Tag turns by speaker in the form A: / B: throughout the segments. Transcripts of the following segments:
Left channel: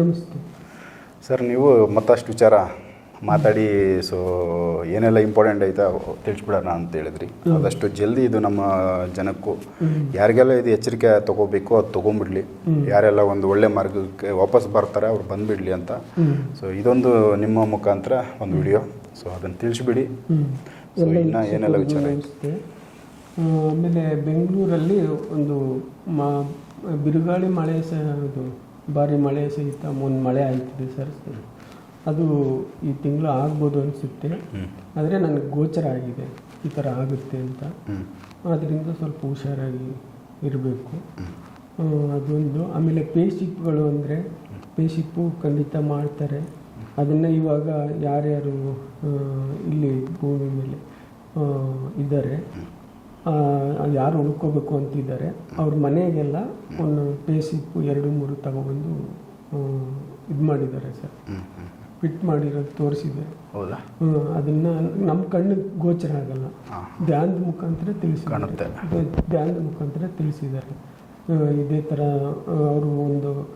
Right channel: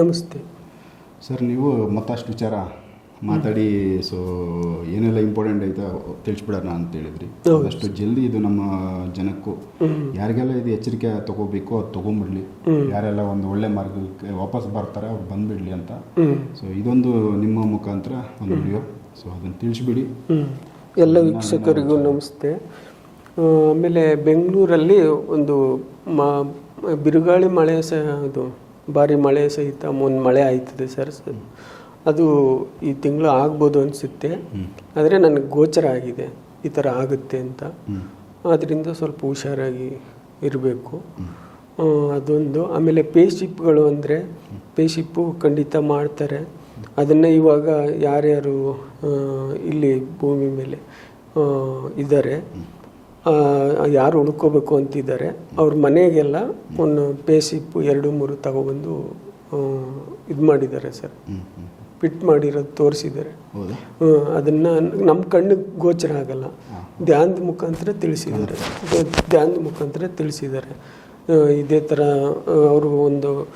A: ನಮಸ್ತೆ.
B: ಸರ್ ನೀವು ಮತ್ತಷ್ಟು ವಿಚಾರ ಮಾತಾಡಿ ಸೊ ಏನೆಲ್ಲ ಇಂಪಾರ್ಟೆಂಟ್ ಐತೆ ತಿಳಿಸ್ಬಿಡೋಣ ಅಂತ ಹೇಳಿದ್ರಿ. ಆದಷ್ಟು ಜಲ್ದಿ ಇದು ನಮ್ಮ ಜನಕ್ಕೂ ಯಾರಿಗೆಲ್ಲ ಇದು ಎಚ್ಚರಿಕೆ ತಗೋಬೇಕು ಅದು ತಗೊಂಬಿಡ್ಲಿ ಯಾರೆಲ್ಲ ಒಂದು ಒಳ್ಳೆ ಮಾರ್ಗಕ್ಕೆ ವಾಪಸ್ ಬರ್ತಾರೆ ಅವ್ರು ಬಂದ್ಬಿಡ್ಲಿ ಅಂತ. ಸೊ ಇದೊಂದು ನಿಮ್ಮ ಮುಖಾಂತರ ಒಂದು ವಿಡಿಯೋ. ಸೊ ಅದನ್ನು ತಿಳಿಸ್ಬಿಡಿ.
A: ಎಲ್ಲ ವೀಕ್ಷಕರಿಗೂ ನಮಸ್ತೆ. ಆಮೇಲೆ ಬೆಂಗಳೂರಲ್ಲಿ ಒಂದು ಮಾ ಬಿರುಗಾಳಿ ಮಳೆ ಸಹ ಅದು ಭಾರಿ ಮಳೆ ಸಹಿತ ಒಂದು ಮಳೆ ಆಯ್ತದೆ ಸರ್. ಅದು ಈ ತಿಂಗಳು ಆಗ್ಬೋದು ಅನಿಸುತ್ತೆ. ಆದರೆ ನನಗೆ ಗೋಚರ ಆಗಿದೆ. ಈ ಥರ ಆಗುತ್ತೆ ಅಂತ. ಅದರಿಂದ ಸ್ವಲ್ಪ ಹುಷಾರಾಗಿ ಇರಬೇಕು. ಅದೊಂದು. ಆಮೇಲೆ ಪೇಶಿಪ್ಗಳು ಅಂದರೆ ಪೇಶಿಪ್ಪು ಖಂಡಿತ ಮಾಡ್ತಾರೆ. ಅದನ್ನು ಇವಾಗ ಯಾರ್ಯಾರು ಇಲ್ಲಿ ಭೂಮಿ ಮೇಲೆ ಇದ್ದಾರೆ. ಯಾರು ಉಳ್ಕೋಬೇಕು ಅಂತಿದ್ದಾರೆ. ಅವ್ರ ಮನೆಗೆಲ್ಲ ಒಂದು ಪೇಸಿಪ್ಪು ಎರಡು ಮೂರು ತಗೊಬಂದು ಇದು ಮಾಡಿದ್ದಾರೆ ಸರ್. ಫಿಟ್ ಮಾಡಿರೋದು ತೋರಿಸಿದ್ದಾರೆ. ಹ್ಮ್, ಅದನ್ನ ನಮ್ಮ ಕಣ್ಣಿಗೆ ಗೋಚರ ಆಗಲ್ಲ. ಧ್ಯಾನದ ಮುಖಾಂತರ ತಿಳಿಸಿದ್ದಾರೆ. ಧ್ಯ- ಧ್ಯಾನದ ಮುಖಾಂತರ ತಿಳಿಸಿದ್ದಾರೆ. ಇದೇ ಥರ ಅವರು ಒಂದು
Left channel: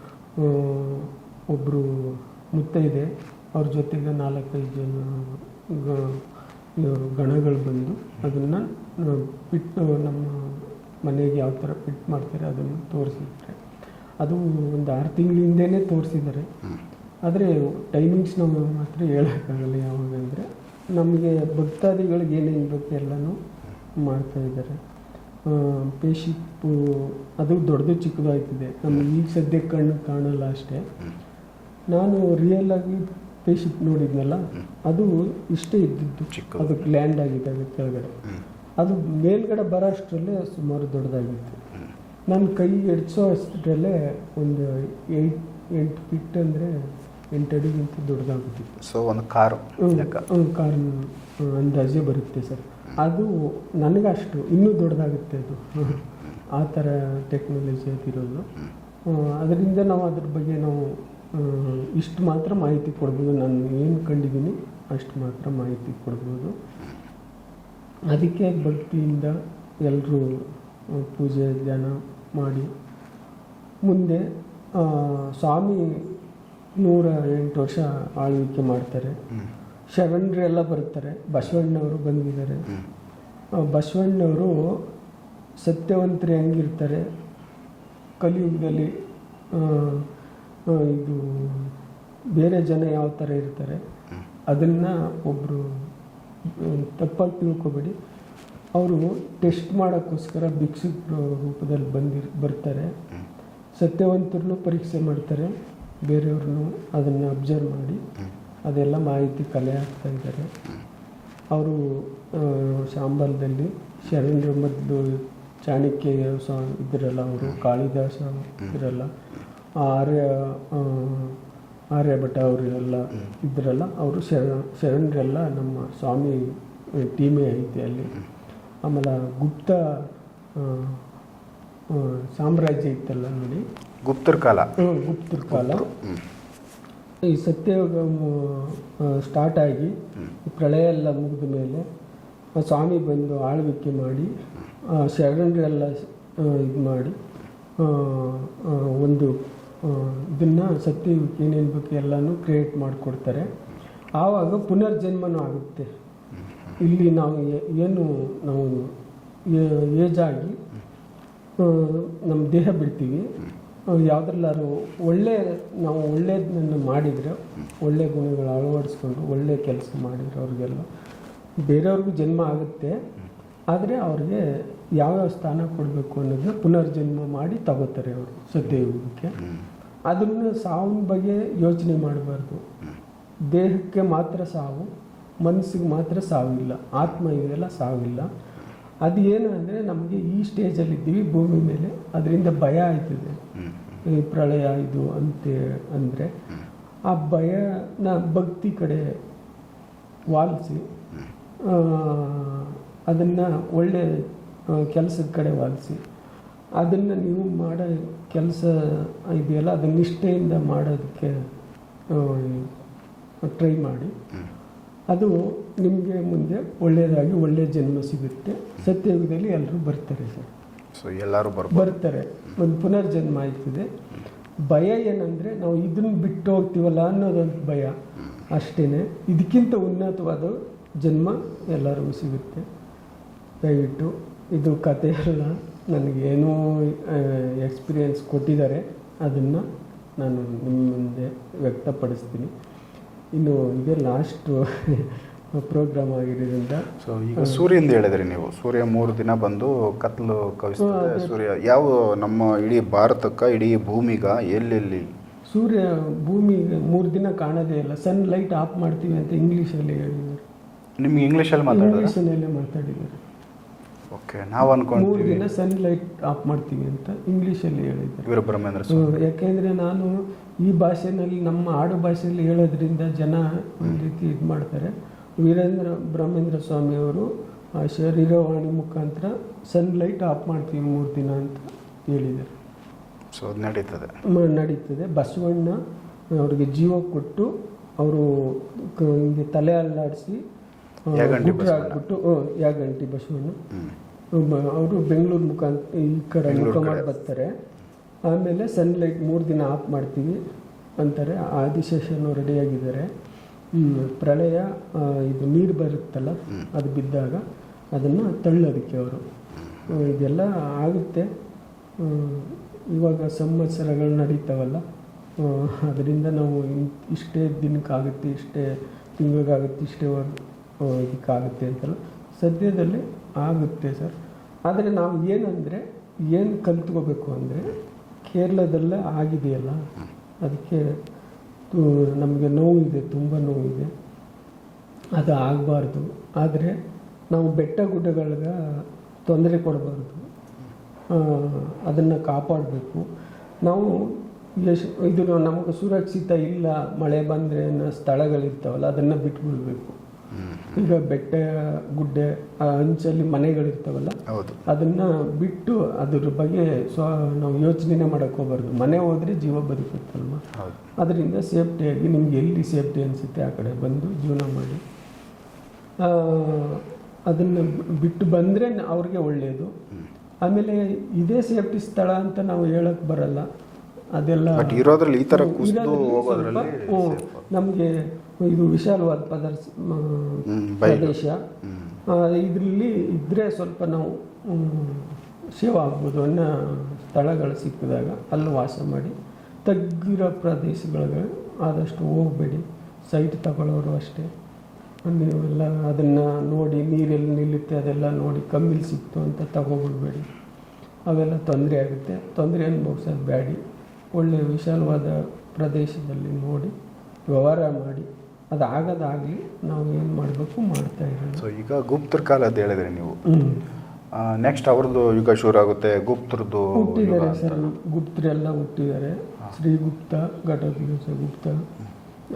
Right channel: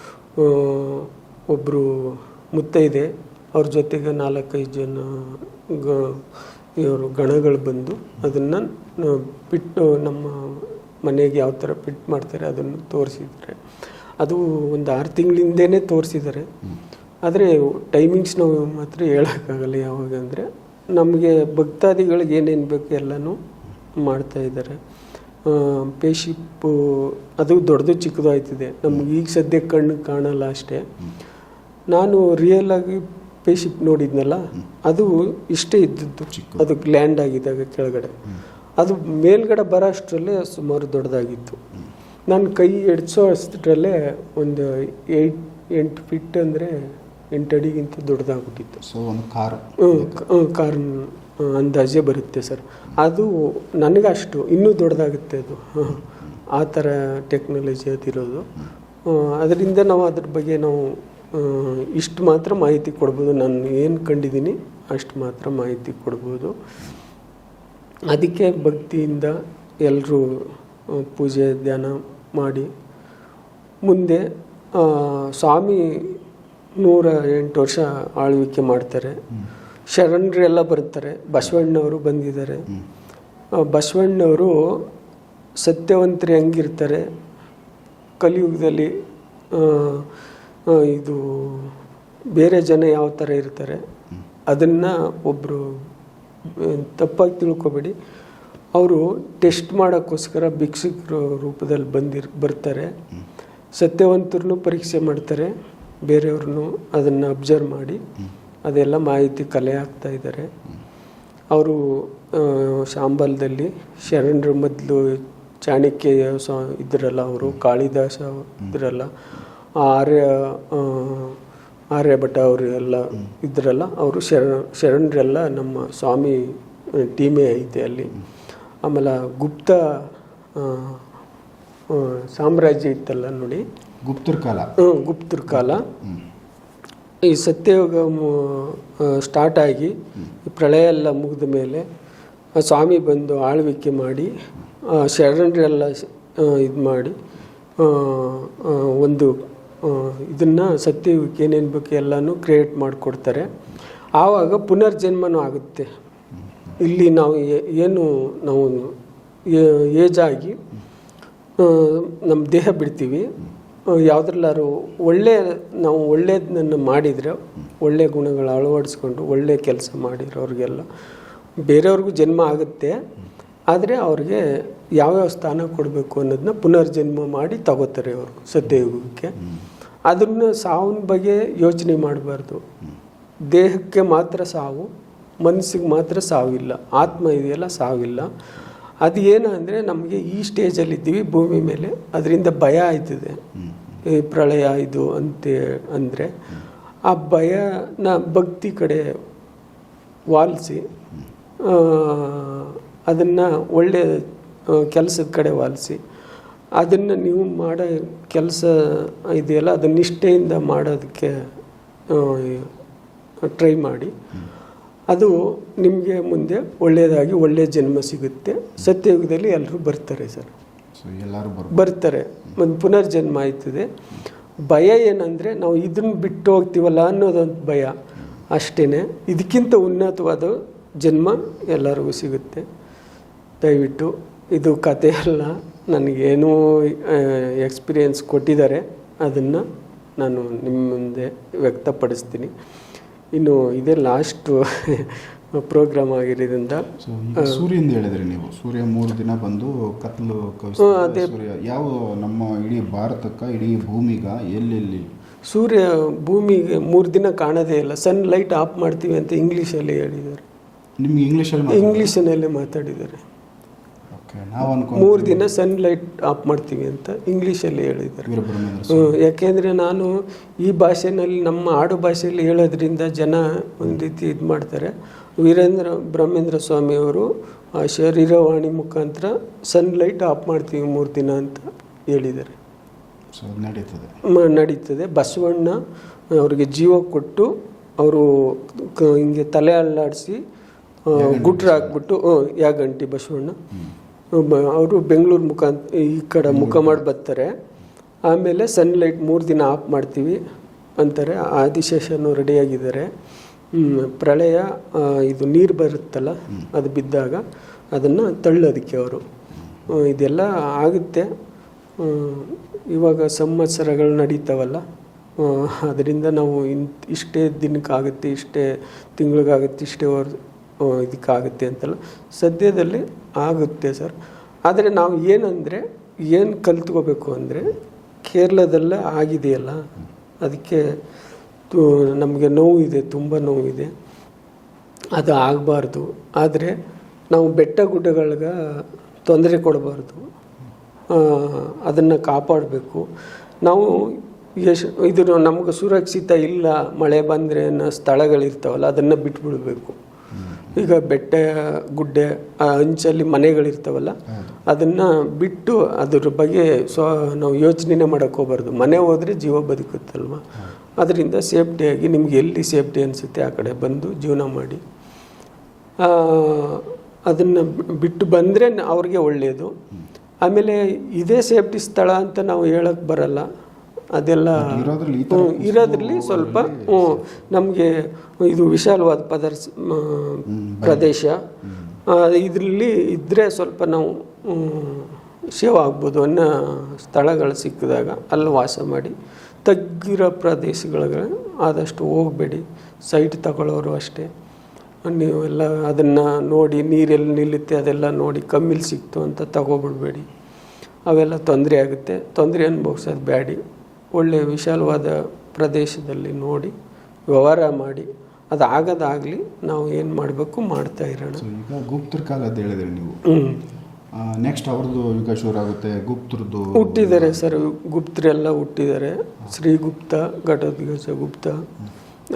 A: ಒಬ್ಬರು ಮುತ್ತೈದೆ. ಅವ್ರ ಜೊತೆಗೆ ನಾಲ್ಕೈದು ಜನ ಇವರು ಗಣಗಳು ಬಂದು ಅದನ್ನು ಬಿಟ್ಟು ನಮ್ಮ ಮನೆಗೆ ಯಾವ ಥರ ಫಿಟ್ ಮಾಡ್ತಾರೆ ಅದನ್ನು ತೋರಿಸಿದ್ದಾರೆ. ಅದು ಒಂದು ಆರು ತಿಂಗಳಿಂದೇ ತೋರಿಸಿದ್ದಾರೆ. ಆದರೆ ಟೈಮಿಂಗ್ಸ್ ನಾವು ಮಾತ್ರ ಹೇಳೋಕ್ಕಾಗಲ್ಲ ಯಾವಾಗ ಅಂದರೆ ನಮಗೆ ಭಕ್ತಾದಿಗಳಿಗೆ ಏನೇನು ಬೇಕು ಎಲ್ಲನೂ ಮಾಡ್ತಾ ಇದ್ದಾರೆ. ಪೇಶಿಪ್ಪು ಅದು ದೊಡ್ಡದು ಚಿಕ್ಕದು ಆಯ್ತಿದೆ ನಮ್ಗೆ ಈಗ ಸದ್ಯಕ್ಕೆ ಕಣ್ಣು ಕಾಣಲ್ಲ ಅಷ್ಟೇ. ನಾನು ರಿಯಲ್ ಪೇಶಿಪ್ ನೋಡಿದ್ನಲ್ಲ ಅದು ಇಷ್ಟೇ ಇದ್ದದ್ದು. ಅದು ಲ್ಯಾಂಡ್ ಆಗಿದ್ದಾಗ ಕೆಳಗಡೆ. ಅದು ಮೇಲ್ಗಡೆ ಬರೋ ಅಷ್ಟರಲ್ಲೇ ಸುಮಾರು ದೊಡ್ಡದಾಗಿತ್ತು. ನಾನು ಕೈ ಎಡ್ಸೋ ಅಷ್ಟರಲ್ಲೇ ಒಂದು ಏಯ್ಟ್ ಎಂಟು ಫಿಟ್ ಅಂದರೆ ಎಂಟು ಅಡಿಗಿಂತ ದೊಡ್ಡದಾಗ್ಬಿಟ್ಟಿತ್ತು.
B: ಸೊ ಒಂದು ಕಾರು.
A: ಕಾರ್. ಅಂದಾಜೆ ಬರುತ್ತೆ ಸರ್. ಅದು ನನಗಷ್ಟು ಇನ್ನೂ ದೊಡ್ಡದಾಗುತ್ತೆ ಅದು. ಆ ಥರ ಟೆಕ್ನಾಲಜಿ ಅದಿರೋದು. ಅದರಿಂದ ನಾವು ಅದ್ರ ಬಗ್ಗೆ ನಾವು ಇಷ್ಟು ಮಾತ್ರ ಮಾಹಿತಿ ಕೊಡ್ಬೋದು. ನಾನು ಏನು ಕಂಡಿದ್ದೀನಿ ಅಷ್ಟು ಮಾತ್ರ ಮಾಹಿತಿ ಕೊಡ್ಬೋದು. ಅದಕ್ಕೆ ಭಕ್ತಿಯಿಂದ ಎಲ್ಲರೂ ಪೂಜೆ ಧ್ಯಾನ ಮಾಡಿ. ಮುಂದೆ ಸ್ವಾಮಿ ನೂರ ಎಂಟು ವರ್ಷ ಆಳ್ವಿಕೆ ಮಾಡ್ತಾರೆ. ಶರಣರೆಲ್ಲ ಬರ್ತಾರೆ. ಬಸವಣ್ಣವರು ಬಂದಿದ್ದಾರೆ. ಬಸವಣ್ಣವರು ಸತ್ಯವಂತರು ಹೆಂಗಿರ್ತಾರೆ. ಕಲಿಯುಗದಲ್ಲಿ ಇದು ಬೇರೆ ಜನ ಯಾವ ಥರ ಇರ್ತಾರೆ, ಅದನ್ನು ಒಬ್ಬರು ತಪ್ಪಾಗಿ ತಿಳ್ಕೊಬೇಡಿ. ಅವರು ಟೆಸ್ಟ್ ಮಾಡೋಕ್ಕೋಸ್ಕರ ಭಿಕ್ಷುಕರ ರೂಪದಲ್ಲಿ ಬಂದಿರ್, ಬರ್ತಾರೆ. ಸತ್ಯವಂತರನ್ನು ಪರೀಕ್ಷೆ ಮಾಡ್ತಾರೆ, ಬೇರೆಯವ್ರನ್ನೂ ಅದನ್ನು ಅಬ್ಸರ್ವ್ ಮಾಡಿ, ಅದೆಲ್ಲ ಮಾಹಿತಿ ಕಲೆ ಹಾಕ್ತಾ ಇದ್ದಾರೆ. ಅವರು ಶಾಂಬಲ್ದಲ್ಲಿ ಶರಣರ ಮೊದಲು ಚಾಣಕ್ಯ ಸ ಇದ್ರಲ್ಲ ಅವರು, ಕಾಳಿದಾಸ ಇದ್ರಲ್ಲ ಆರ್ಯ ಆರ್ಯಭಟ ಅವರು ಎಲ್ಲ ಇದ್ರಲ್ಲ ಅವರು ಶರ ಶರಣರೆಲ್ಲ ನಮ್ಮ ಸ್ವಾಮಿ ಟೀಮೇ ಐತೆ ಅಲ್ಲಿ. ಆಮೇಲೆ ಗುಪ್ತ ಸಾಮ್ರಾಜ್ಯ ಇತ್ತಲ್ಲ ನೋಡಿ.
B: ಗುಪ್ತರ ಕಾಲ.
A: ಗುಪ್ತರ ಕಾಲ. ಈ ಸತ್ಯಯೋಗ ಸ್ಟಾರ್ಟ್ ಆಗಿ ಪ್ರಳಯ ಎಲ್ಲ ಮುಗಿದ ಮೇಲೆ ಆ ಸ್ವಾಮಿ ಬಂದು ಆಳ್ವಿಕೆ ಮಾಡಿ ಆ ಶರಣರೆಲ್ಲ ಇದು ಮಾಡಿ ಒಂದು ಇದನ್ನು ಸತ್ಯಯುಗಕ್ಕೆ ಏನೇನು ಬೇಕು ಎಲ್ಲನೂ ಕ್ರಿಯೇಟ್ ಮಾಡಿಕೊಡ್ತಾರೆ. ಆವಾಗ ಪುನರ್ಜನ್ಮನೂ ಆಗುತ್ತೆ. ಇಲ್ಲಿ ನಾವು ಏನು ನಾವು ಏಜ್ ಆಗಿ ನಮ್ಮ ದೇಹ ಬಿಡ್ತೀವಿ. ಯಾವುದ್ರಲ್ಲಾರು ಒಳ್ಳೆಯ ನಾವು ಒಳ್ಳೆಯದನ್ನು ಮಾಡಿದರೆ ಒಳ್ಳೆಯ ಗುಣಗಳು ಅಳವಡಿಸ್ಕೊಂಡು ಒಳ್ಳೆಯ ಕೆಲಸ ಮಾಡಿರೋರಿಗೆಲ್ಲ ಬೇರೆಯವ್ರಿಗೂ ಜನ್ಮ ಆಗುತ್ತೆ. ಆದರೆ ಅವ್ರಿಗೆ ಯಾವ್ಯಾವ ಸ್ಥಾನ ಕೊಡಬೇಕು ಅನ್ನೋದನ್ನ ಪುನರ್ಜನ್ಮ ಮಾಡಿ ತಗೋತಾರೆ ಅವರು ಸತ್ಯಯುಗಕ್ಕೆ. ಅದನ್ನು ಸಾವಿನ ಬಗ್ಗೆ ಯೋಚನೆ ಮಾಡಬಾರ್ದು. ದೇಹಕ್ಕೆ ಮಾತ್ರ ಸಾವು, ಮನಸ್ಸಿಗೆ ಮಾತ್ರ ಸಾವಿಲ್ಲ. ಆತ್ಮ ಇದೆಯಲ್ಲ, ಸಾವಿಲ್ಲ. ಅದು ಏನು ಅಂದರೆ ನಮಗೆ ಈ ಸ್ಟೇಜಲ್ಲಿ ಇದ್ದೀವಿ ಭೂಮಿ ಮೇಲೆ. ಅದರಿಂದ ಭಯ ಆಯ್ತದೆ. ಈ ಪ್ರಳಯ ಇದು ಅಂತ ಅಂದರೆ ಆ ಭಯನ ಭಕ್ತಿ ಕಡೆ ವಾಲಿಸಿ ಅದನ್ನು ಒಳ್ಳೆಯ ಕೆಲಸದ ಕಡೆ ವಾಲಿಸಿ. ಅದನ್ನು ನೀವು ಮಾಡೋ ಕೆಲಸ ಇದೆಯಲ್ಲ ಅದನ್ನ ನಿಷ್ಠೆಯಿಂದ ಮಾಡೋದಕ್ಕೆ ಟ್ರೈ ಮಾಡಿ. ಅದು ನಿಮಗೆ ಮುಂದೆ ಒಳ್ಳೆಯದಾಗಿ ಒಳ್ಳೆಯ ಜನ್ಮ ಸಿಗುತ್ತೆ. ಸತ್ಯಯುಗದಲ್ಲಿ ಎಲ್ಲರೂ ಬರ್ತಾರೆ ಸರ್.
B: ಸೊ ಎಲ್ಲರೂ
A: ಬರ್ತಾರೆ. ಒಂದು ಪುನರ್ಜನ್ಮ ಆಯ್ತದೆ. ಭಯ ಏನಂದರೆ ನಾವು ಇದನ್ನು ಬಿಟ್ಟು ಹೋಗ್ತೀವಲ್ಲ ಅನ್ನೋದೊಂದು ಭಯ. ಅಷ್ಟೇ ಇದಕ್ಕಿಂತ ಉನ್ನತವಾದ ಜನ್ಮ ಎಲ್ಲರಿಗೂ ಸಿಗುತ್ತೆ. ದಯವಿಟ್ಟು ಇದು ಕತೆ ಅಲ್ಲ ನನಗೇನೋ ಎಕ್ಸ್ಪೀರಿಯೆನ್ಸ್ ಕೊಟ್ಟಿದ್ದಾರೆ. ಅದನ್ನು ನಾನು ನಿಮ್ಮ ಮುಂದೆ ವ್ಯಕ್ತಪಡಿಸ್ತೀನಿ. ಇನ್ನು ಇದೇ ಲಾಸ್ಟು ಪ್ರೋಗ್ರಾಮ್ ಆಗಿರೋದ್ರಿಂದ
B: ಸೊ ಈಗ ಸೂರ್ಯಂದ ಹೇಳಿದ್ರಿ ನೀವು. ಸೂರ್ಯ ಮೂರು ದಿನ ಬಂದು ಕತ್ಲು ಅದೇ. ಸೂರ್ಯ ಯಾವ ನಮ್ಮ ಇಡೀ ಭಾರತಕ್ಕೆ ಇಡೀ ಭೂಮಿಗ ಎಲ್ಲೆಲ್ಲಿ?
A: ಸೂರ್ಯ ಭೂಮಿಗೆ ಮೂರು ದಿನ ಕಾಣೋದೇ ಇಲ್ಲ. ಸನ್ ಲೈಟ್ ಆಫ್ ಮಾಡ್ತೀವಿ ಅಂತ ಇಂಗ್ಲೀಷಲ್ಲಿ ಹೇಳಿದ್ದಾರೆ.
B: ನಿಮ್ಗೆ ಇಂಗ್ಲೀಷಲ್ಲಿ
A: ಇಂಗ್ಲೀಷಿನಲ್ಲೇ ಮಾತಾಡಿದ್ದಾರೆ.
B: ಓಕೆ ನಾವು ಅನ್ಕೊಂಡು
A: ಮೂರು ದಿನ ಸನ್ ಲೈಟ್ ಆಫ್ ಮಾಡ್ತೀವಿ ಅಂತ ಇಂಗ್ಲೀಷಲ್ಲಿ ಹೇಳಿದ್ದಾರೆ. ಹ್ಮ್, ಯಾಕೆಂದರೆ ನಾನು ಈ ಭಾಷೆನಲ್ಲಿ ನಮ್ಮ ಆಡು ಭಾಷೆಯಲ್ಲಿ ಹೇಳೋದ್ರಿಂದ ಜನ ಒಂದು ರೀತಿ ಇದು ಮಾಡ್ತಾರೆ. ವೀರೇಂದ್ರ ಬ್ರಹ್ಮೇಂದ್ರ ಸ್ವಾಮಿಯವರು ಆ ಶರೀರವಾಣಿ ಮುಖಾಂತರ ಸನ್ಲೈಟ್ ಆಫ್ ಮಾಡ್ತೀವಿ ಮೂರು ದಿನ ಅಂತ ಹೇಳಿದ್ದಾರೆ.
B: ಸೊ ನಡೀತದೆ.
A: ನಡೀತದೆ. ಬಸವಣ್ಣ ಅವರಿಗೆ ಜೀವ ಕೊಟ್ಟು ಅವರು ಹಿಂಗೆ ತಲೆ ಅಲ್ಲಾಡಿಸಿ ಗುಟ್ರ ಹಾಕ್ಬಿಟ್ಟು ಯಾ ಯಾಗಂಟಿ ಬಸವಣ್ಣ. ಅವರು ಬೆಂಗಳೂರು ಮುಖ ಈ ಕಡೆ ಮುಖ ಮಾಡಿ ಬರ್ತಾರೆ. ಆಮೇಲೆ ಸನ್ಲೈಟ್ ಮೂರು ದಿನ ಆಫ್ ಮಾಡ್ತೀವಿ ಅಂತಾರೆ. ಆದಿಶೇಷನು ರೆಡಿಯಾಗಿದ್ದಾರೆ ಪ್ರಳಯ ಇದು ನೀರು ಬರುತ್ತಲ್ಲ ಅದು ಬಿದ್ದಾಗ ಅದನ್ನು ತಳ್ಳೋದಕ್ಕೆ ಅವರು. ಇದೆಲ್ಲ ಆಗುತ್ತೆ. ಇವಾಗ ಸಂವತ್ಸರಗಳು ನಡೀತಾವಲ್ಲ ಅದರಿಂದ ನಾವು ಇನ್ ಇಷ್ಟೇ ದಿನಕ್ಕಾಗುತ್ತೆ ಇಷ್ಟೇ ತಿಂಗಳಿಗಾಗುತ್ತೆ ಇಷ್ಟೇ ಇದಕ್ಕಾಗುತ್ತೆ ಅಂತಲ್ಲ. ಸದ್ಯದಲ್ಲಿ ಆಗುತ್ತೆ ಸರ್. ಆದರೆ ನಾವು ಏನಂದರೆ, ಏನು ಕಲ್ತ್ಕೋಬೇಕು ಅಂದರೆ ಕೇರಳದಲ್ಲೇ ಆಗಿದೆಯಲ್ಲ. ಅದಕ್ಕೆ ನಮಗೆ ನೋವಿದೆ, ತುಂಬ ನೋವಿದೆ. ಅದು ಆಗಬಾರ್ದು. ಆದರೆ ನಾವು ಬೆಟ್ಟ ಗುಡ್ಡಗಳಿಗೆ ತೊಂದರೆ ಕೊಡಬಾರ್ದು. ಅದನ್ನು ಕಾಪಾಡಬೇಕು. ನಾವು ಎಷ್ಟು ಇದು ನಮಗೆ ಸುರಕ್ಷಿತ ಇಲ್ಲ, ಮಳೆ ಬಂದರೆ ಅನ್ನೋ ಸ್ಥಳಗಳಿರ್ತಾವಲ್ಲ, ಅದನ್ನು ಬಿಟ್ಬಿಡ್ಬೇಕು. ಈಗ ಬೆಟ್ಟ ಗುಡ್ಡೆ ಆ ಅಂಚಲ್ಲಿ ಮನೆಗಳಿರ್ತಾವಲ್ಲ ಅದನ್ನ ಬಿಟ್ಟು ಅದ್ರ ಬಗ್ಗೆ ಸೊ ನಾವು ಯೋಚನೆ ಮಾಡೋಕ್ಕೆ ಹೋಗ್ಬಾರ್ದು. ಮನೆ ಹೋದ್ರೆ ಜೀವ ಬದುಕುತ್ತಲ್ವ? ಅದರಿಂದ ಸೇಫ್ಟಿಯಾಗಿ ನಿಮ್ಗೆ ಎಲ್ಲಿ ಸೇಫ್ಟಿ ಅನಿಸುತ್ತೆ ಆ ಕಡೆ ಬಂದು ಜೀವನ ಮಾಡಿ. ಅದನ್ನು ಬಿಟ್ಟು ಬಂದರೆ ಅವ್ರಿಗೆ ಒಳ್ಳೆಯದು ಆಮೇಲೆ ಇದೇ ಸೇಫ್ಟಿ ಸ್ಥಳ ಅಂತ ನಾವು ಹೇಳಕ್ಕೆ ಬರಲ್ಲ. ಅದೆಲ್ಲ
B: ಇರೋದ್ರಲ್ಲಿ ಈ ಥರ
A: ಇರೋದ್ರಲ್ಲಿ ಸ್ವಲ್ಪ ನಮಗೆ ಇದು ವಿಶಾಲವಾದ ಪದಾರ್ಥ ಪ್ರದೇಶ. ಇದರಲ್ಲಿ ಇದ್ದರೆ ಸ್ವಲ್ಪ ನಾವು ಸೇವ್ ಆಗ್ಬೋದು ಅನ್ನೋ ಸ್ಥಳಗಳು ಸಿಕ್ಕಿದಾಗ ಅಲ್ಲಿ ವಾಸ ಮಾಡಿ ತಗ್ಗಿರೋ ಪ್ರದೇಶಗಳಿಗೆ ಆದಷ್ಟು ಹೋಗಬೇಡಿ. ಸೈಟ್ ತಗೊಳ್ಳೋರು ಅಷ್ಟೇ. ನೀವೆಲ್ಲ ಅದನ್ನು ನೋಡಿ ನೀರೆಲ್ಲಿ ನಿಲ್ಲುತ್ತೆ ಅದೆಲ್ಲ ನೋಡಿ ಕಮ್ಮಿಲಿ ಸಿಕ್ತು ಅಂತ ತಗೊಬಿಡ್ಬೇಡಿ. ಅವೆಲ್ಲ ತೊಂದರೆ ಆಗುತ್ತೆ. ತೊಂದರೆ ಅನುಭವಿಸೋದು ಬ್ಯಾಡಿ. ಒಳ್ಳೆಯ ವಿಶಾಲವಾದ ಪ್ರದೇಶದಲ್ಲಿ ನೋಡಿ ವ್ಯವಹಾರ ಮಾಡಿ ಅದು ಆಗೋದಾಗಲಿ ನಾವು ಏನು ಮಾಡಬೇಕು ಮಾಡ್ತಾ ಇರೋಣ.
B: ಸೊ ಈಗ ಗುಪ್ತರ ಕಾಲ ಅಂತ ಹೇಳಿದ್ರಿ ನೀವು. ನೆಕ್ಸ್ಟ್ ಅವ್ರದ್ದು ಯುಗ ಶುರು ಆಗುತ್ತೆ ಗುಪ್ತರದ್ದು
A: ಹುಟ್ಟಿದ್ದಾರೆ ಸರ್ ಗುಪ್ತರೆಲ್ಲ ಹುಟ್ಟಿದ್ದಾರೆ. ಶ್ರೀಗುಪ್ತ ಘಟೋದ್ಗಜ ಗುಪ್ತ.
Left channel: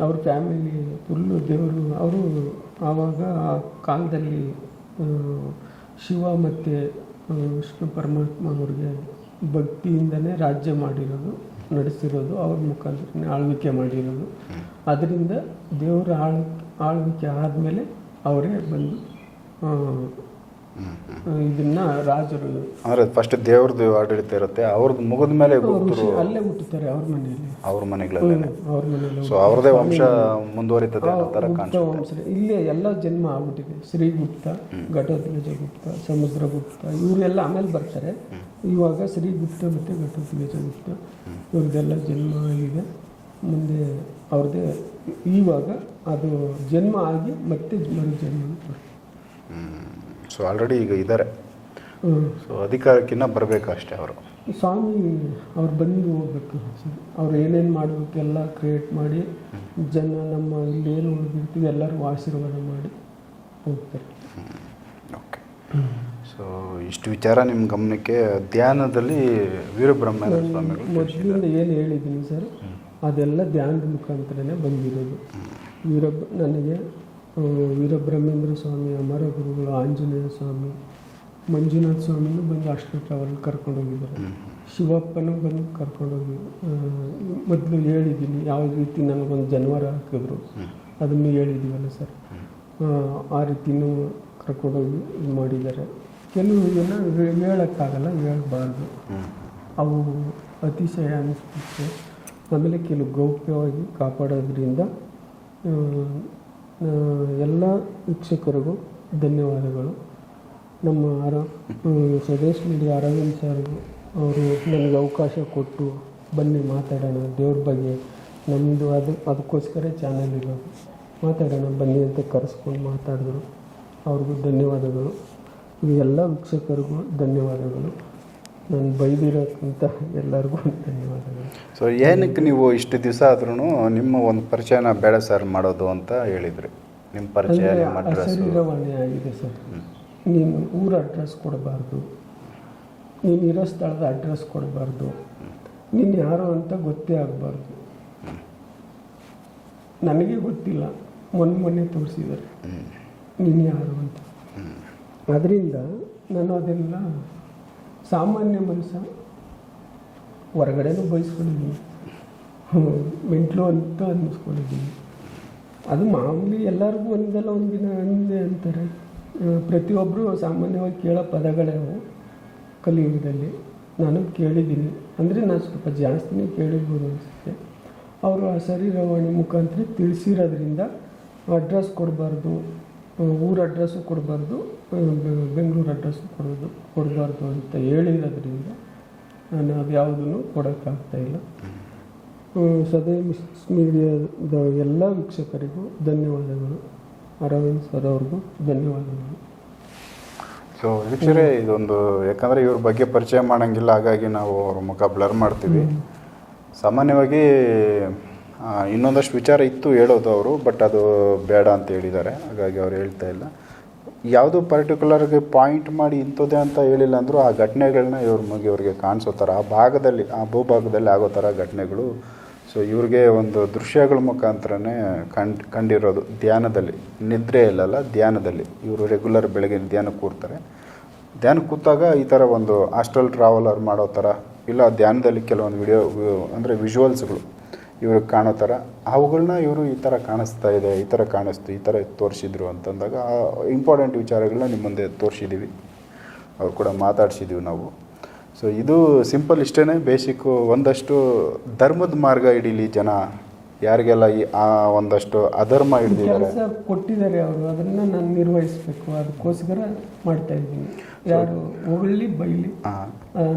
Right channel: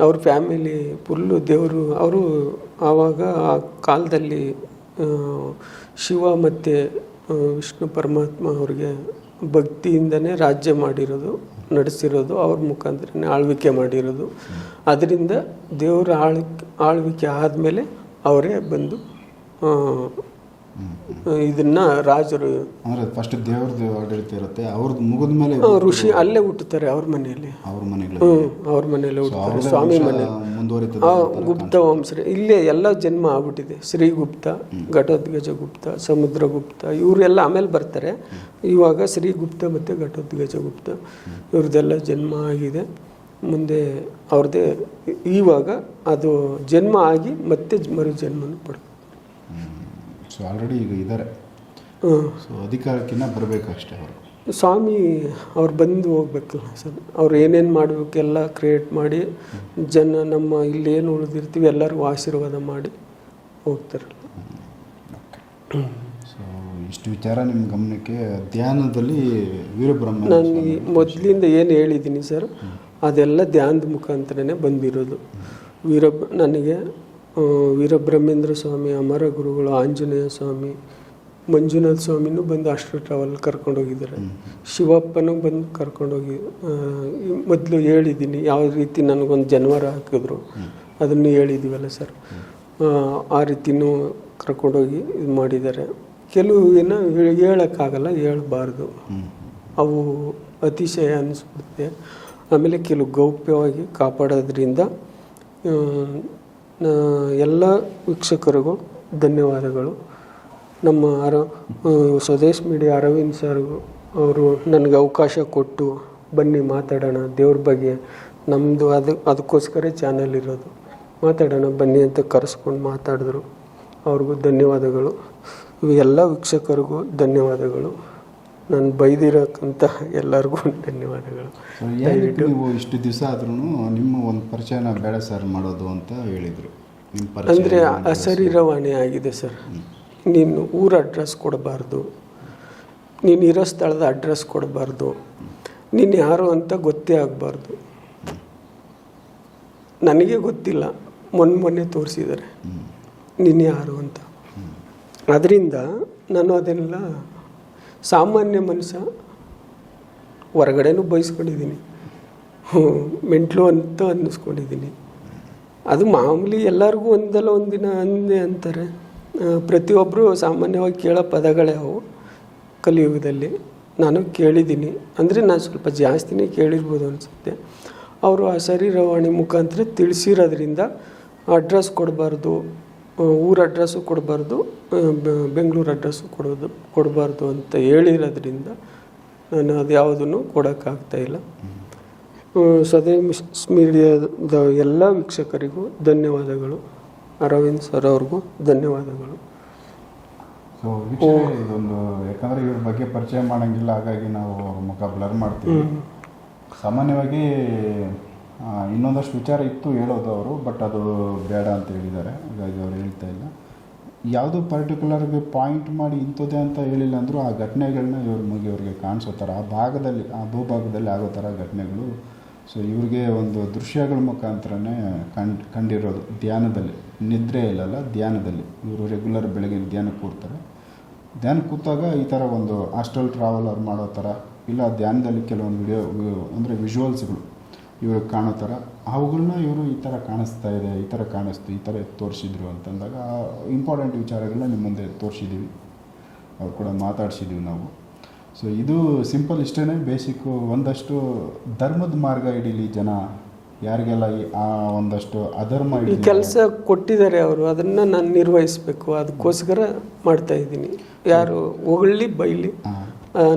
A: ಅವ್ರ ಫ್ಯಾಮಿಲಿ ಫುಲ್ಲು ದೇವರು ಅವರು ಆವಾಗ ಆ ಕಾಲದಲ್ಲಿ ಶಿವ ಮತ್ತು ವಿಷ್ಣು ಪರಮಾತ್ಮ ಅವ್ರಿಗೆ ಭಕ್ತಿಯಿಂದನೇ ರಾಜ್ಯ ಮಾಡಿರೋದು. ನಡೆಸಿರೋದು ಅವ್ರ ಮುಖಾಂತರನೇ ಆಳ್ವಿಕೆ ಮಾಡಿರೋದು. ಅದರಿಂದ ದೇವರ ಆಳ್ ಆಳ್ವಿಕೆ ಆದಮೇಲೆ ಅವರೇ ಬಂದು ಇದನ್ನ ರಾಜರು
B: ಅಂದ್ರೆ ಫಸ್ಟ್ ದೇವ್ರದ್ದು ಆಡಳಿತ ಇರುತ್ತೆ ಅವ್ರದ್ದು ಮುಗಿದ ಮೇಲೆ
A: ಋಷಿ ಅಲ್ಲೇ ಹುಟ್ಟುತ್ತಾರೆ ಅವ್ರ ಮನೆಯಲ್ಲಿ.
B: ಅವ್ರ ಮನೆಗಳ
A: ಹ್ಮ್, ಅವ್ರ ಮನೆಯಲ್ಲಿ ಸ್ವಾಮಿ
B: ಮುಂದುವರಿತದೆ
A: ಗುಪ್ತ ವಂಶ. ಇಲ್ಲೇ ಎಲ್ಲ ಜನ್ಮ ಆಗ್ಬಿಟ್ಟಿದೆ. ಶ್ರೀಗುಪ್ತ ಘಟೋದ್ಗಜ ಗುಪ್ತ ಸಮುದ್ರಗುಪ್ತ ಇವರೆಲ್ಲ ಆಮೇಲೆ ಬರ್ತಾರೆ. ಇವಾಗ ಶ್ರೀಗುಪ್ತ ಮತ್ತು ಘಟೋದ್ಗಜ ಗುಪ್ತ ಇವ್ರದ್ದೆಲ್ಲ ಜನ್ಮ ಆಗಿದೆ. ಮುಂದೆ ಅವ್ರದ್ದೇ ಇವಾಗ ಅದು ಜನ್ಮ ಆಗಿ ಮತ್ತೆ ಮರು ಜನ್ಮನ ಪಡ್ತಾರೆ
B: ಸೊ ಆಲ್ರೆಡಿ ಈಗ ಇದ್ದಾರೆ. ಸೊ ಅಧಿಕಾರಕ್ಕಿಂತ ಬರಬೇಕು ಅಷ್ಟೇ ಅವರು.
A: ಸ್ವಾಮಿ ಅವ್ರು ಬಂದು ಹೋಗ್ಬೇಕು ಸರ್. ಅವ್ರು ಏನೇನು ಮಾಡಬೇಕೆಲ್ಲ ಕ್ರಿಯೇಟ್ ಮಾಡಿ ಜನ ನಮ್ಮ ಇಲ್ಲಿ ಏನು ಉಳಿದಿರ್ತೀವಿ ಎಲ್ಲರಿಗೂ ಆಶೀರ್ವಾದ ಮಾಡಿ ಹೋಗ್ತಾರೆ.
B: ಓಕೆ ಸೊ ಇಷ್ಟು ವಿಚಾರ ನಿಮ್ಮ ಗಮನಕ್ಕೆ ಧ್ಯಾನದಲ್ಲಿ ವೀರಬ್ರಹ್ಮ
A: ನಾನು ಮೊದಲಿಂದ ಏನು ಹೇಳಿದ್ದೀನಿ ಸರ್ ಅದೆಲ್ಲ ಧ್ಯಾನದ ಮುಖಾಂತರನೇ ಬಂದಿರೋದು. ವೀರಬ್ರ ನನಗೆ ವೀರಬ್ರಹ್ಮೇಂದ್ರ ಸ್ವಾಮಿ ಅಮರ ಗುರುಗಳು ಆಂಜನೇಯ ಸ್ವಾಮಿ ಮಂಜುನಾಥ ಸ್ವಾಮಿನೂ ಬಂದು ಅಷ್ಟು ಟ್ರಾವೆಲ್ ಕರ್ಕೊಂಡೋಗಿದ್ದಾರೆ ಶಿವಪ್ಪನೂ ಬಂದು ಕರ್ಕೊಂಡೋಗಿ ಮೊದಲು ಹೇಳಿದ್ದೀನಿ ಯಾವ ರೀತಿ ನನಗೊಂದು ಜನವರ ಹಾಕಿದ್ರು ಅದನ್ನು ಹೇಳಿದ್ದೀವಲ್ಲ ಸರ್. ಆ, ರೀತಿನೂ ಕರ್ಕೊಂಡೋಗಿ ಇದು ಮಾಡಿದ್ದಾರೆ. ಕೆಲವು ಏನೋ ಹೇಳೋಕ್ಕಾಗಲ್ಲ ಹೇಳಬಾರ್ದು. ಅವು ಅತಿಶಯ ಅನಿಸ್ಬಿಡುತ್ತೆ. ಆಮೇಲೆ ಕೆಲವು ಗೌಪ್ಯವಾಗಿ ಕಾಪಾಡೋದ್ರಿಂದ ಎಲ್ಲ ವೀಕ್ಷಕರಿಗೂ ಧನ್ಯವಾದಗಳು. ನಮ್ಮ ಅರ ಸ್ವದೇಶ್ ಮೀಡಿಯಾ ಅರವಿಂದ್ ಸರ್ಗೂ ಅವರು ನನಗೆ ಅವಕಾಶ ಕೊಟ್ಟು ಬನ್ನಿ ಮಾತಾಡೋಣ, ದೇವ್ರ ಬಗ್ಗೆ ನಮ್ಮದು ಅದು, ಅದಕ್ಕೋಸ್ಕರ ಚಾನಲ್ ಇರೋದು. ಮಾತಾಡೋಣ, ಬನ್ನಿ ಅಂತ ಕರೆಸ್ಕೊಂಡು ಮಾತಾಡಿದ್ರು. ಅವ್ರಿಗೂ ಧನ್ಯವಾದಗಳು. ಇವೆಲ್ಲ ವೀಕ್ಷಕರಿಗೂ ಧನ್ಯವಾದಗಳು. ನಾನು ಬೈದಿರೋಕ್ಕಂತ ಎಲ್ಲರಿಗೂ ಧನ್ಯವಾದಗಳು.
B: ಸೊ ಏನಕ್ಕೆ ನೀವು ಇಷ್ಟು ದಿವಸ ಆದ್ರೂ ನಿಮ್ಮ ಒಂದು ಪರಿಚಯನ ಬೇಡ ಸರ್ ಮಾಡೋದು ಅಂತ ಹೇಳಿದ್ರಿ. ನಿಮ್ಮ ಪರಿಚಯ
A: ಅಂದರೆ ಅಶರೀರವಾಣಿ. ಆಗಿದೆ ಸರ್. ನೀನು ಊರ ಅಡ್ರೆಸ್ ಕೊಡಬಾರ್ದು. ನೀನು ಇರೋ ಸ್ಥಳದ ಅಡ್ರೆಸ್ ಕೊಡಬಾರ್ದು. ನೀನು ಯಾರು ಅಂತ ಗೊತ್ತೇ ಆಗಬಾರ್ದು. ನನಗೆ ಗೊತ್ತಿಲ್ಲ. ಮೊನ್ನೆ ಮೊನ್ನೆ ತೋರಿಸಿದ್ದಾರೆ. ನೀನು ಯಾರು ಅಂತ. ಅದರಿಂದ ನಾನು ಅದೆಲ್ಲ ಸಾಮಾನ್ಯ ಮನುಷ್ಯ ಹೊರಗಡೆನೂ ಬಯಸ್ಕೊಂಡಿದ್ದೀನಿ. ಮೆಂಟ್ಲು ಅಂತ ಅನ್ನಿಸ್ಕೊಂಡಿದ್ದೀನಿ. ಅದು ಮಾಮೂಲಿ ಎಲ್ಲರಿಗೂ ಒಂದಲ್ಲ ಒಂದಿನ ಅಂದೆ ಅಂತಾರೆ. ಪ್ರತಿಯೊಬ್ಬರು ಸಾಮಾನ್ಯವಾಗಿ ಕೇಳೋ ಪದಗಳೇ ಅವು ಕಲಿಯುಗದಲ್ಲಿ. ನಾನು ಕೇಳಿದ್ದೀನಿ. ಅಂದರೆ ನಾನು ಸ್ವಲ್ಪ ಜಾಸ್ತಿನೇ ಕೇಳಿರ್ಬೋದು ಅನಿಸುತ್ತೆ. ಅವರು ಆ ಶರೀರವಾಣಿ ಮುಖಾಂತರ ತಿಳಿಸಿರೋದ್ರಿಂದ ಅಡ್ರೆಸ್ ಕೊಡಬಾರ್ದು. ಊರ ಅಡ್ರೆಸ್ಸು ಕೊಡಬಾರ್ದು ಬೆಂಗಳೂರು ಅಡ್ರೆಸ್ಸು ಕೊಡೋದು ಕೊಡಬಾರ್ದು ಅಂತ ಹೇಳಿರೋದ್ರಿಂದ ನಾನು ಅದು ಯಾವುದನ್ನು ಕೊಡೋಕ್ಕಾಗ್ತಾಯಿಲ್ಲ ಸದೇ ಮೀಡಿಯಾದ ಎಲ್ಲ ವೀಕ್ಷಕರಿಗೂ ಧನ್ಯವಾದಗಳು. ಅರವಿಂದ್ ಸರ್ ಅವ್ರಿಗೂ ಧನ್ಯವಾದಗಳು.
B: ಸೊ ವೀಕ್ಷಕರೇ ಇದೊಂದು ಯಾಕಂದರೆ ಇವ್ರ ಬಗ್ಗೆ ಪರಿಚಯ ಮಾಡೋಂಗಿಲ್ಲ ಹಾಗಾಗಿ ನಾವು ಅವ್ರ ಮುಖ ಬ್ಲರ್ ಮಾಡ್ತೀವಿ. ಸಾಮಾನ್ಯವಾಗಿ ಇನ್ನೊಂದಷ್ಟು ವಿಚಾರ ಇತ್ತು ಹೇಳೋದು ಅವರು, ಬಟ್ ಅದು ಬೇಡ ಅಂತ ಹೇಳಿದ್ದಾರೆ. ಹಾಗಾಗಿ ಅವ್ರು ಹೇಳ್ತಾ ಇಲ್ಲ. ಯಾವುದೋ ಪರ್ಟಿಕ್ಯುಲರ್ಗೆ ಪಾಯಿಂಟ್ ಮಾಡಿ ಇಂಥದ್ದೇ ಅಂತ ಹೇಳಿಲ್ಲ ಅಂದರೂ ಆ ಘಟನೆಗಳನ್ನ ಇವ್ರ ಮುಗಿ ಇವ್ರಿಗೆ ಕಾಣಿಸೋ ಥರ, ಆ ಭಾಗದಲ್ಲಿ, ಆ ಭೂಭಾಗದಲ್ಲಿ ಆಗೋ ಥರ ಘಟನೆಗಳು. ಸೊ ಇವ್ರಿಗೆ ಒಂದು ದೃಶ್ಯಗಳ ಮುಖಾಂತರನೇ ಕಂಡು, ಕಂಡಿರೋದು ಧ್ಯಾನದಲ್ಲಿ. ನಿದ್ರೆ ಇಲ್ಲಲ್ಲ, ಧ್ಯಾನದಲ್ಲಿ. ಇವರು ರೆಗ್ಯುಲರ್ ಬೆಳಗ್ಗೆ ಧ್ಯಾನ ಕೂರ್ತಾರೆ. ಧ್ಯಾನ ಕೂತಾಗ ಈ ಥರ ಒಂದು ಹಾಸ್ಟೆಲ್ ಟ್ರಾವೆಲರ್ ಮಾಡೋ ಥರ, ಇಲ್ಲ ಧ್ಯಾನದಲ್ಲಿ ಕೆಲವೊಂದು ವಿಡಿಯೋ ಅಂದರೆ ವಿಜುವಲ್ಸ್ಗಳು ಇವ್ರಿಗೆ ಕಾಣೋ ಥರ ಅವುಗಳನ್ನ ಇವರು ಈ ಥರ ಕಾಣಿಸ್ತಾ ಇದೆ ಈ ಥರ ಕಾಣಿಸ್ತು ಈ ಥರ ತೋರಿಸಿದ್ರು ಅಂತಂದಾಗ ಇಂಪಾರ್ಟೆಂಟ್ ವಿಚಾರಗಳನ್ನ ನಿಮ್ಮ ಮುಂದೆ ತೋರಿಸಿದ್ದೀವಿ ಅವ್ರು ಕೂಡ ಮಾತಾಡ್ಸಿದ್ದೀವಿ ನಾವು. ಸೊ ಇದು ಸಿಂಪಲ್ ಇಷ್ಟೇ ಬೇಸಿಕ್ಕು ಒಂದಷ್ಟು ಧರ್ಮದ ಮಾರ್ಗ ಹಿಡೀಲಿ ಜನ. ಯಾರಿಗೆಲ್ಲ ಈ ಆ ಒಂದಷ್ಟು ಅಧರ್ಮ ಇಡೀ
A: ಕೆಲಸ ಕೊಟ್ಟಿದ್ದಾರೆ ಅವರು. ಅದನ್ನು ನಾನು ನಿರ್ವಹಿಸಬೇಕು. ಅದಕ್ಕೋಸ್ಕರ ಮಾಡ್ತಾ ಇದ್ದೀನಿ. ಯಾರು ಹೊಗಳಿ ಬೈಲಿ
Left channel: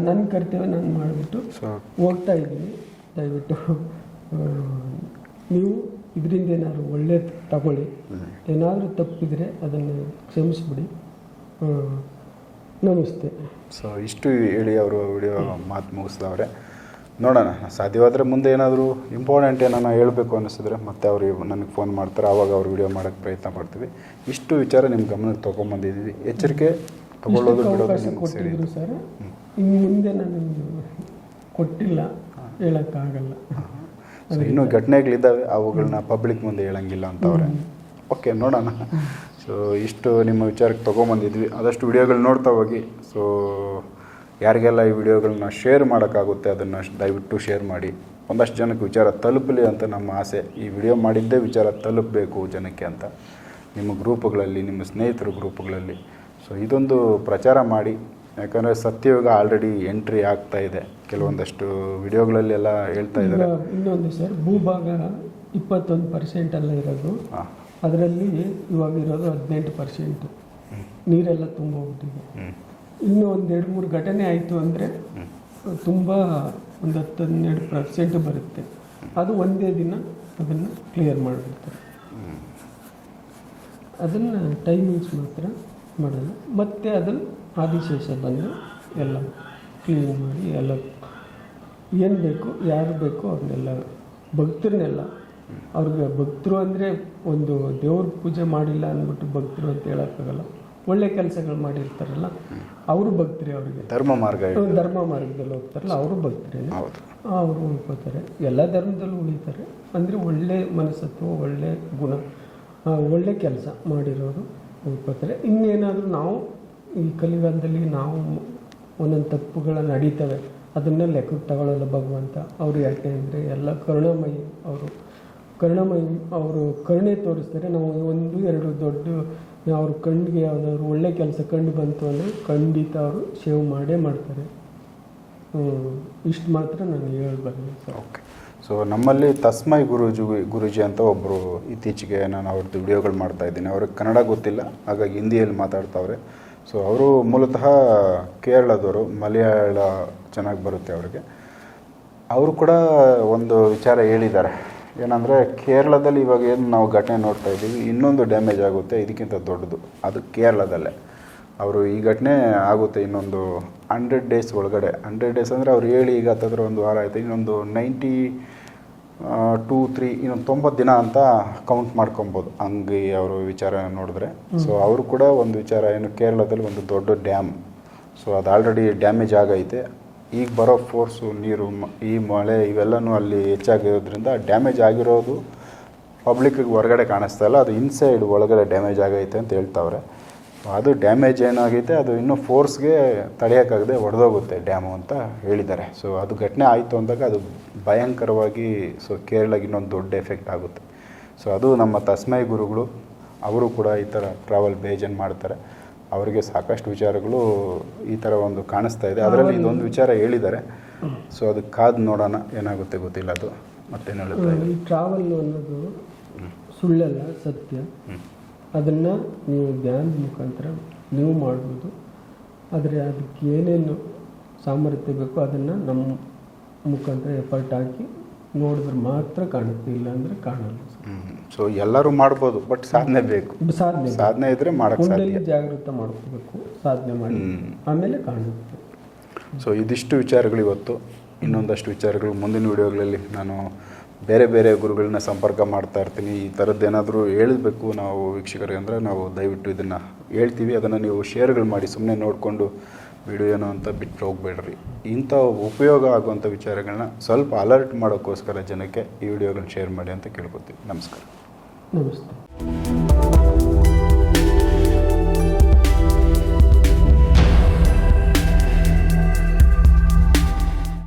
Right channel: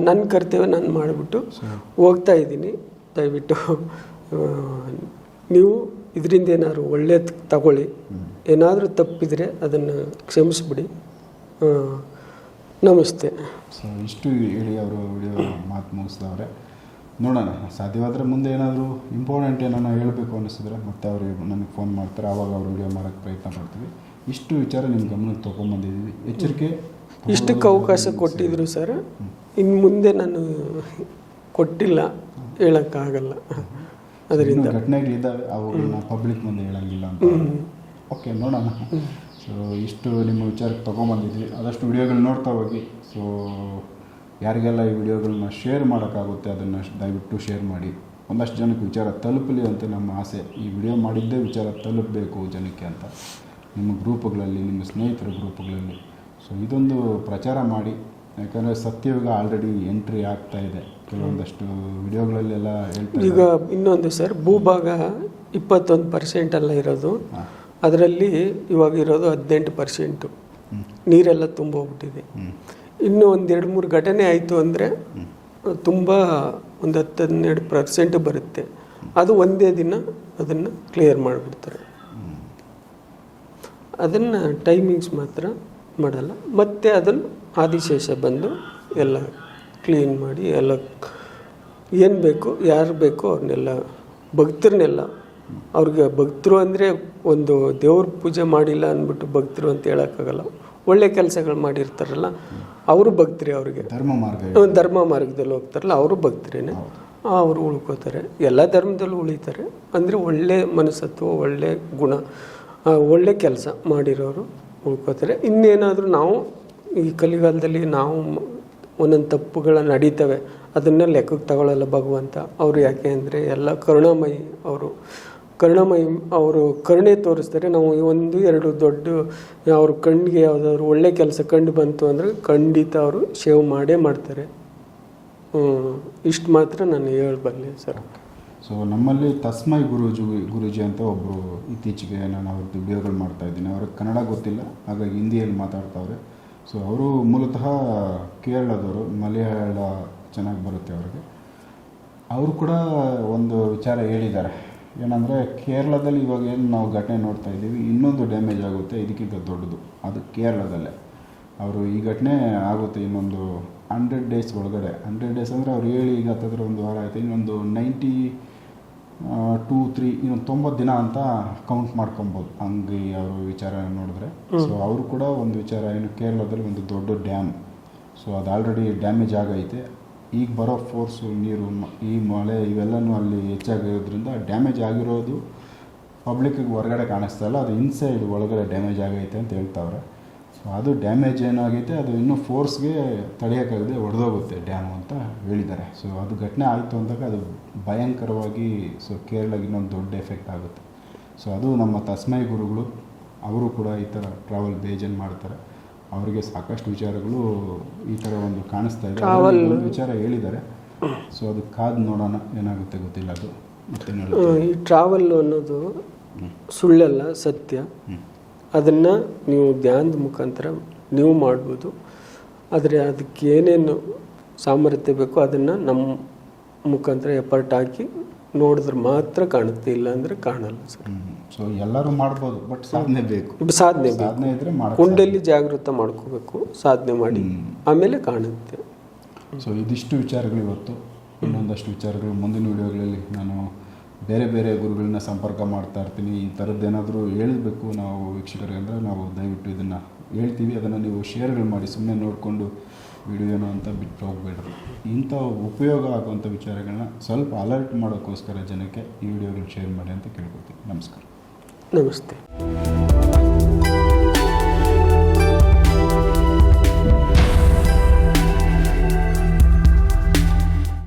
A: ನನ್ನ ಕರ್ತವ್ಯ ನಾನು ಮಾಡಿಬಿಟ್ಟು ಹೋಗ್ತಾ ಇದ್ದೀನಿ. ದಯವಿಟ್ಟು ನೀವು ಇದರಿಂದ ಏನಾದರೂ ಒಳ್ಳೇದು ತಗೊಳ್ಳಿ. ಏನಾದರೂ ತಪ್ಪಿದರೆ ಅದನ್ನು ಕ್ಷಮಿಸಿಬಿಡಿ. ನಮಸ್ತೆ.
B: ಸೊ ಇಷ್ಟು ಹೇಳಿ ಅವರು ವಿಡಿಯೋ ಮಾತು ಮುಗಿಸಿದವ್ರೆ. ನೋಡೋಣ ಸಾಧ್ಯವಾದರೆ ಮುಂದೆ ಏನಾದರೂ ಇಂಪಾರ್ಟೆಂಟ್ ಏನಾನ ಹೇಳಬೇಕು ಅನ್ನಿಸಿದ್ರೆ ಮತ್ತೆ ಅವರು ನನಗೆ ಫೋನ್ ಮಾಡ್ತಾರೆ. ಆವಾಗ ಅವ್ರು ವಿಡಿಯೋ ಮಾಡೋಕ್ಕೆ ಪ್ರಯತ್ನ ಮಾಡ್ತೀವಿ ಇಷ್ಟು ವಿಚಾರ ನಿಮ್ಮ ಗಮನಕ್ಕೆ ತೊಗೊಂಬಂದಿದ್ದೀವಿ. ಎಚ್ಚರಿಕೆ
A: ಇಷ್ಟಕ್ಕೆ ಅವಕಾಶ ಕೊಟ್ಟಿದ್ರು ಸರ್. ಇನ್ನು ಮುಂದೆ ನಾನು ಕೊಟ್ಟಿಲ್ಲ ಹೇಳೋಕ್ಕಾಗಲ್ಲ.
B: ಇನ್ನೂ ಘಟನೆಗಳಿದ್ದಾವೆ ಅವುಗಳನ್ನ ಪಬ್ಲಿಕ್ ಮುಂದೆ ಹೇಳಂಗಿಲ್ಲ ಅಂತ ಅವ್ರೆ. ಓಕೆ ನೋಡೋಣ. ಸೊ ಇಷ್ಟು ನಿಮ್ಮ ವಿಚಾರಕ್ಕೆ ತೊಗೊಂಬಂದಿದ್ವಿ. ಆದಷ್ಟು ವಿಡಿಯೋಗಳು ನೋಡ್ತಾ ಹೋಗಿ. ಸೊ ಯಾರಿಗೆಲ್ಲ ಈ ವಿಡಿಯೋಗಳನ್ನ ಶೇರ್ ಮಾಡೋಕ್ಕಾಗುತ್ತೆ ಅದನ್ನು ದಯವಿಟ್ಟು ಶೇರ್ ಮಾಡಿ. ಒಂದಷ್ಟು ಜನಕ್ಕೆ ವಿಚಾರ ತಲುಪಲಿ ಅಂತ ನಮ್ಮ ಆಸೆ. ಈ ವಿಡಿಯೋ ಮಾಡಿದ್ದೇ ವಿಚಾರ ತಲುಪಬೇಕು ಜನಕ್ಕೆ ಅಂತ. ನಿಮ್ಮ ಗ್ರೂಪ್ಗಳಲ್ಲಿ ನಿಮ್ಮ ಸ್ನೇಹಿತರ ಗ್ರೂಪ್ಗಳಲ್ಲಿ ಸೊ ಇದೊಂದು ಪ್ರಚಾರ ಮಾಡಿ. ಯಾಕಂದರೆ ಸತ್ಯಯುಗ ಆಲ್ರೆಡಿ ಎಂಟ್ರಿ ಆಗ್ತಾ ಇದೆ. ಕೆಲವೊಂದಷ್ಟು ವಿಡಿಯೋಗಳಲ್ಲಿ ಎಲ್ಲ ಹೇಳ್ತಾ
A: ಈಗ ಇನ್ನೊಂದು ಸರ್ ಭೂಭಾಗ ಇಪ್ಪತ್ತೊಂದು ಪರ್ಸೆಂಟ್ ಅಲ್ಲ ಇರೋದು. ಅದರಲ್ಲಿ ಇವಾಗ ಇರೋದು ಹದಿನೆಂಟು ಪರ್ಸೆಂಟು ನೀರೆಲ್ಲ ತುಂಬೋಗ್ಬಿಟ್ಟಿದೆ.
B: ಹೋಗ್ಬಿಟ್ಟಿದೆ
A: ಇನ್ನೂ ಒಂದು ಎರಡು ಮೂರು ಘಟನೆ ಆಯಿತು ಅಂದರೆ ತುಂಬ ಒಂದು ಹತ್ತು ಹನ್ನೆರಡು ಪರ್ಸೆಂಟ್ ಬರುತ್ತೆ. ಅದು ಒಂದೇ ದಿನ ಅದನ್ನು ಕ್ಲಿಯರ್ ಮಾಡಿಬಿಡ್ತಾರೆ. ಅದನ್ನು ಟೈಮಿಂಗ್ಸ್ ಮಾತ್ರ ಮಾಡಲ್ಲ. ಮತ್ತೆ ಅದನ್ನು ಆದಿಶೇಷ ಬಂದು ಎಲ್ಲ ಕ್ಲೀನ್ ಮಾಡಿ ಎಲ್ಲ ಏನು ಬೇಕು ಯಾರು ಬೇಕೋ ಅವ್ರನ್ನೆಲ್ಲ ಭಕ್ತರನ್ನೆಲ್ಲ ಅವ್ರಿಗೆ ಭಕ್ತರು ಅಂದರೆ ಒಂದು ದೇವ್ರ ಪೂಜೆ ಮಾಡಿಲ್ಲ ಅಂದ್ಬಿಟ್ಟು ಭಕ್ತರು ಅಂತ ಹೇಳೋಕ್ಕಾಗಲ್ಲ. ಒಳ್ಳೆ ಕೆಲಸಗಳು ಮಾಡಿರ್ತಾರಲ್ಲ ಅವರು ಭಕ್ತರೇ ಅವ್ರಿಗೆ.
B: ಧರ್ಮ ಮಾರ್ಗ.
A: ಧರ್ಮ ಮಾರ್ಗದಲ್ಲಿ ಹೋಗ್ತಾರಲ್ಲ ಅವರು ಭಕ್ತರೇನೆ. ಅವರು ಉಳ್ಕೋತಾರೆ. ಎಲ್ಲ ಧರ್ಮದಲ್ಲೂ ಉಳಿತಾರೆ. ಅಂದರೆ ಒಳ್ಳೆ ಮನಸ್ಸತ್ವ ಒಳ್ಳೆ ಗುಣ ಒಳ್ಳೆ ಕೆಲಸ ಮಾಡಿರೋರು ಉಳ್ಕೋತಾರೆ. ಇನ್ನೇನಾದರೂ ನಾವು ಈ ಕಲಿಗಾಲದಲ್ಲಿ ನಾವು ಒಂದೊಂದು ತಪ್ಪುಗಳು ನಡೀತವೆ, ಅದನ್ನ ಲೆಕ್ಕಕ್ಕೆ ತಗೊಳ್ಳಲ್ಲ ಭಗವಂತ. ಅವರು ಯಾಕೆ ಅಂದರೆ ಎಲ್ಲ ಕರುಣಾಮಯಿ ಅವರು. ಕರುಣಾಮಯಿ ಅವರು ಕರುಣೆ ತೋರಿಸ್ತಾರೆ, ನಾವು ಒಂದು, ಎರಡು ದೊಡ್ಡ ಅವ್ರ ಕಣ್ಣಿಗೆ ಯಾವುದಾದ್ರು ಒಳ್ಳೆ ಕೆಲಸ ಕಂಡು ಬಂತು ಅಂದರೆ ಖಂಡಿತ ಅವರು ಸೇವ್ ಮಾಡೇ ಮಾಡ್ತಾರೆ. ಇಷ್ಟು ಮಾತ್ರ ನಾನು ಹೇಳಬಲ್ಲೆ ಸರ್.
B: ಓಕೆ ಸೊ ನಮ್ಮಲ್ಲಿ ತಸ್ಮೈ ಗುರುಜಿ ಗುರುಜಿ ಅಂತ ಒಬ್ಬರು ಇತ್ತೀಚೆಗೆ ನಾನು ಅವ್ರದ್ದು ವಿಡಿಯೋಗಳು ಮಾಡ್ತಾ ಇದ್ದೀನಿ. ಅವ್ರಿಗೆ ಕನ್ನಡ ಗೊತ್ತಿಲ್ಲ, ಹಾಗಾಗಿ ಹಿಂದಿಯಲ್ಲಿ ಮಾತಾಡ್ತಾವ್ರೆ. ಸೊ ಅವರು ಮೂಲತಃ ಕೇರಳದವರು, ಮಲಯಾಳ ಚೆನ್ನಾಗಿ ಬರುತ್ತೆ ಅವ್ರಿಗೆ. ಅವರು ಕೂಡ ಒಂದು ವಿಚಾರ ಹೇಳಿದ್ದಾರೆ. ಏನಂದರೆ, ಕೇರಳದಲ್ಲಿ ಇವಾಗ ಏನು ನಾವು ಘಟನೆ ನೋಡ್ತಾ ಇದ್ದೀವಿ, ಇನ್ನೊಂದು ಡ್ಯಾಮೇಜ್ ಆಗುತ್ತೆ, ಇದಕ್ಕಿಂತ ದೊಡ್ಡದು. ಅದು ಕೇರಳದಲ್ಲೇ. ಅವರು ಈ ಘಟನೆ ಆಗುತ್ತೆ ಇನ್ನೊಂದು ಹಂಡ್ರೆಡ್ ಡೇಸ್ ಒಳಗಡೆ. ಹಂಡ್ರೆಡ್ ಡೇಸ್ ಅಂದರೆ ಅವ್ರು ಹೇಳಿ ಈಗ ಹತ್ತತ್ರ ಒಂದು ವಾರ ಆಯಿತು, ಇನ್ನೊಂದು ನೈಂಟಿ ಟೂ ತ್ರೀ ಇನ್ನೊಂದು ತೊಂಬತ್ತು ದಿನ ಅಂತ ಕೌಂಟ್ ಮಾಡ್ಕೊಬೋದು. ಹಂಗೆ ಅವರು ವಿಚಾರ ನೋಡಿದ್ರೆ. ಸೊ ಅವರು ಕೂಡ ಒಂದು ವಿಚಾರ ಏನು ಕೇರಳದಲ್ಲಿ ಒಂದು ದೊಡ್ಡ ಡ್ಯಾಮ್ ಸೊ ಅದು ಆಲ್ರೆಡಿ ಡ್ಯಾಮೇಜ್ ಆಗೈತೆ. ಈಗ ಬರೋ ಫೋರ್ಸು ನೀರು ಮ- ಈ ಮಳೆ ಇವೆಲ್ಲನೂ ಅಲ್ಲಿ ಹೆಚ್ಚಾಗಿರೋದ್ರಿಂದ ಡ್ಯಾಮೇಜ್ ಆಗಿರೋದು ಪಬ್ಲಿಕ್ಕಿಗೆ ಹೊರಗಡೆ ಕಾಣಿಸ್ತಾ ಇಲ್ಲ. ಅದು ಇನ್ಸೈಡ್ ಒಳಗಡೆ ಡ್ಯಾಮೇಜ್ ಆಗೈತೆ ಅಂತ ಹೇಳ್ತಾವ್ರೆ. ಅದು ಡ್ಯಾಮೇಜ್ ಏನಾಗೈತೆ ಅದು ಇನ್ನೂ ಫೋರ್ಸ್ಗೆ ತಡೆಯೋಕ್ಕಾಗದೆ ಒಡೆದೋಗುತ್ತೆ ಡ್ಯಾಮು ಅಂತ ಹೇಳಿದ್ದಾರೆ. ಸೊ ಅದು ಘಟನೆ ಆಯಿತು ಅಂದಾಗ ಅದು ಭಯಂಕರವಾಗಿ ಸೊ ಕೇರಳಗೆ ಇನ್ನೊಂದು ದೊಡ್ಡ ಎಫೆಕ್ಟ್ ಆಗುತ್ತೆ. ಸೊ ಅದು ನಮ್ಮ ತಸ್ಮೈ ಗುರುಗಳು ಅವರು ಕೂಡ ಈ ಥರ ಟ್ರಾವೆಲ್ ಬೇಜನ್ ಮಾಡ್ತಾರೆ. ಅವರಿಗೆ ಸಾಕಷ್ಟು ವಿಚಾರಗಳು ಈ ಥರ ಒಂದು ಕಾಣಿಸ್ತಾ ಇದೆ. ಅದರಲ್ಲಿ ಇನ್ನೊಂದು ವಿಚಾರ ಹೇಳಿದ್ದಾರೆ. ಸೊ ಅದು ಕಾದು ನೋಡೋಣ ಏನಾಗುತ್ತೆ ಗೊತ್ತಿಲ್ಲ ಅದು.
A: ಮತ್ತೆ ಟ್ರಾವೆಲ್ ಅನ್ನೋದು ಸುಳ್ಳಲ್ಲ ಸತ್ಯ. ಅದನ್ನು ನೀವು ಧ್ಯಾನದ ಮುಖಾಂತರ ನೀವು ಮಾಡ್ಬೋದು. ಆದರೆ ಅದಕ್ಕೆ ಏನೇನು ಸಾಮರ್ಥ್ಯ ಬೇಕೋ ಅದನ್ನು ನಮ್ಮ ಮುಖಾಂತರ ಎಫರ್ಟ್ ಹಾಕಿ ನೋಡಿದ್ರೆ ಮಾತ್ರ ಕಾಣುತ್ತೆ ಇಲ್ಲ ಅಂದರೆ ಕಾಣಲ್ಲ ಸರ್.
B: ಸೊ ಎಲ್ಲರೂ ಮಾಡ್ಬೋದು ಬಟ್ ಸಾಧನೆ ಬೇಕು.
A: ಸಾಧನೆ.
B: ಸಾಧನೆ ಇದ್ರೆ ಮಾಡಿ
A: ಕುಂಡಲ್ಲಿ ಜಾಗೃತ ಮಾಡ್ಕೋಬೇಕು ಸಾಧನೆ ಮಾಡಿ ಆಮೇಲೆ ಕಾಣುತ್ತೆ.
B: ಸೊ ಇದಿಷ್ಟು ವಿಚಾರಗಳು ಇವತ್ತು. ಇನ್ನೊಂದಷ್ಟು ವಿಚಾರಗಳು ಮುಂದಿನ ವಿಡಿಯೋಗಳಲ್ಲಿ ನಾನು ಬೇರೆ ಬೇರೆ ಗುರುಗಳನ್ನ ಸಂಪರ್ಕ ಮಾಡ್ತಾ ಇರ್ತೀನಿ. ಈ ಥರದ್ದು ಏನಾದರೂ ಹೇಳಬೇಕು ನಾವು ವೀಕ್ಷಕರಿಗೆ ಅಂದರೆ ನಾವು ದಯವಿಟ್ಟು ಇದನ್ನು ಹೇಳ್ತೀವಿ. ಅದನ್ನು ನೀವು ಶೇರ್ಗಳು ಮಾಡಿ ಸುಮ್ಮನೆ ನೋಡಿಕೊಂಡು ವಿಡಿಯೋ ಏನೋ ಅಂತ ಬಿಟ್ಟು ಹೋಗ್ಬೇಡ್ರಿ. ಇಂಥ ಉಪಯೋಗ ಆಗುವಂಥ ವಿಚಾರಗಳನ್ನ ಸ್ವಲ್ಪ ಅಲರ್ಟ್ ಮಾಡೋಕ್ಕೋಸ್ಕರ ಜನಕ್ಕೆ ಈ ವಿಡಿಯೋಗಳನ್ನ ಶೇರ್ ಮಾಡಿ ಅಂತ ಕೇಳ್ಕೊತೀನಿ ನಮಸ್ಕಾರ.
A: ನಮಸ್ತೆ.